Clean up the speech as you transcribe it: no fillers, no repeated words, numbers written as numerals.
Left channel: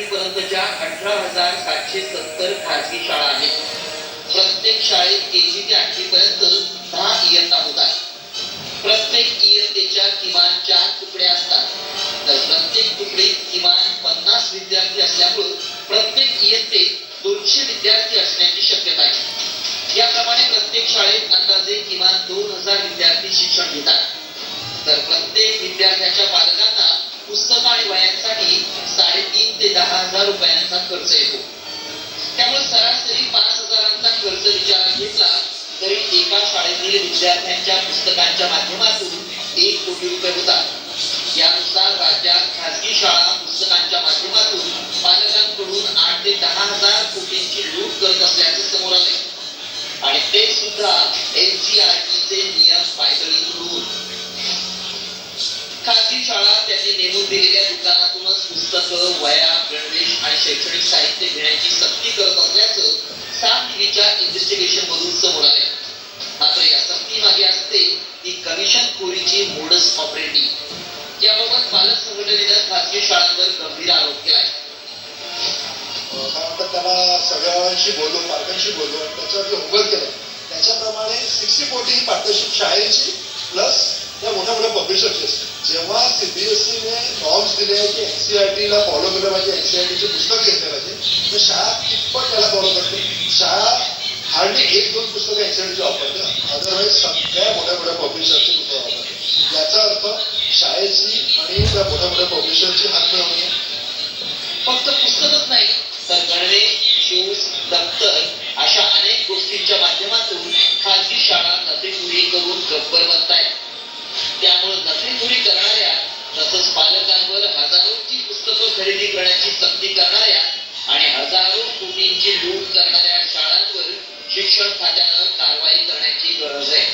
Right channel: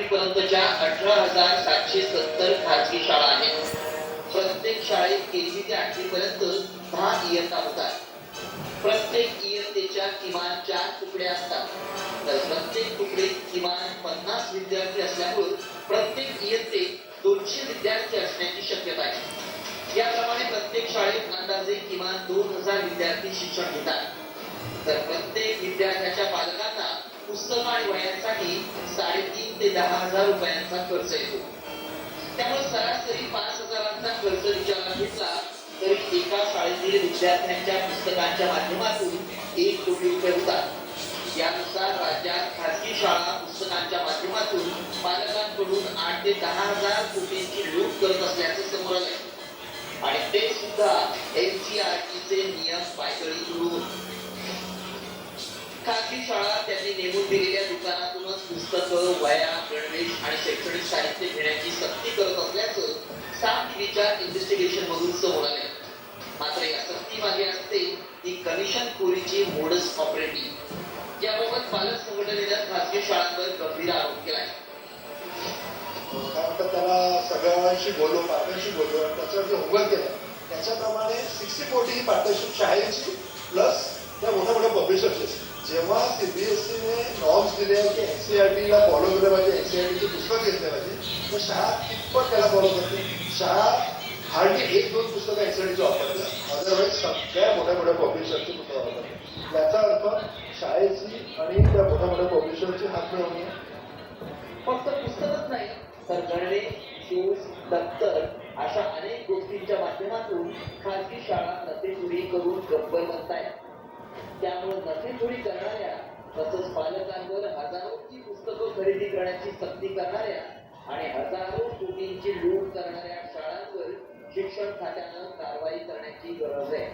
8वी पर्यंतच्या 18,770 खाजगी शाळा आहेत. प्रत्येक शाळेत केजी ते 8वी पर्यंत 10 इयत्ता होतात. प्रत्येक इयत्तेच्या किमान 4 तुकड्या असतात. तर प्रत्येक तुकडीत किमान 50 विद्यार्थी असल्यामुळे प्रत्येक इयत्तेत 200 विद्यार्थी असण्याची शक्यता आहे. याप्रमाणे प्रत्येक शाळेत अंदाजे किमान 2000 विद्यार्थी शिक्षण घेतात. तर प्रत्येक विद्यार्थ्याच्या पालकांना पुस्तक आणि वह्यांसाठी 3.5 ते 10,000 रुपयांचा खर्च येतो. त्यामुळे सरासरी 5,000चा खर्च विचारात घेतला तरी एका शाळेतील विद्यार्थ्यांच्या पुस्तकांच्या माध्यमातून 1 कोटी रुपये होतात. यानुसार राज्यात खासगी शाळा पुस्तकांच्या माध्यमातून पालकांकडून 8 ते 10,000 कोटींची लूट करत असल्याचं समोर आलंय. आणि ते सुद्धा NCERTचे नियम पायदळी करून. खासगी शाळा त्यांनी नेमून दिलेल्या दुकानातूनच पुस्तकं, वह्या, गणवेश आणि शैक्षणिक साहित्य घेण्याची सक्ती करत असल्याचं साम टीव्हीच्या इन्व्हेस्टिगेशन मधून समोर आले. मात्र या सक्ती मागे असते ती कमिशनखोरीची मोडस ऑपरेंडी. याबाबत पालक संघटनेनं खासगी शाळांवर गंभीर आरोप केलाय. कारण त्याला सगळ्यांशी बोललो, पालकांशी बोललो आणि त्याच्यावर उघड केलं. त्याच्याप्रमाणे 60-40 ही पार्टनरशिप शाळेची प्लस त्या मोठ्या मोठ्या पब्लिशरची असते. जेव्हा CBSEने नॉर्म्स दिले आहे की NCERTला फॉलो केलं पाहिजे, NCERTचे पुस्तक घेतलं पाहिजे, तर शाळा कितपत त्याला फॉलो करते. शाळा हार्डली 1-2 पुस्तकं NCERTची वापरते, अदरवाईज सगळ्या मोठ्या मोठ्या पब्लिशरची पुस्तकं वापरते. याचा अर्थ शाळेची आणि त्या मोठ्या मोठ्या पब्लिशरची हात मिळवणी आहे. फक्त पुस्तकच नाही तर गणवेश, शूज, दप्तर अशा अनेक गोष्टींच्या माध्यमातून खासगी शाळा नफेखोरी करून गब्बर बनतायत. त्यामुळे नफेखोरी करणाऱ्या तसंच पालकांवर हजारोची पुस्तकं खरेदी करण्याची सक्ती करणाऱ्या आणि हजारो कोटींची लूट करणाऱ्या शाळांवर शिक्षण खात्यानं कारवाई करण्याची गरज आहे.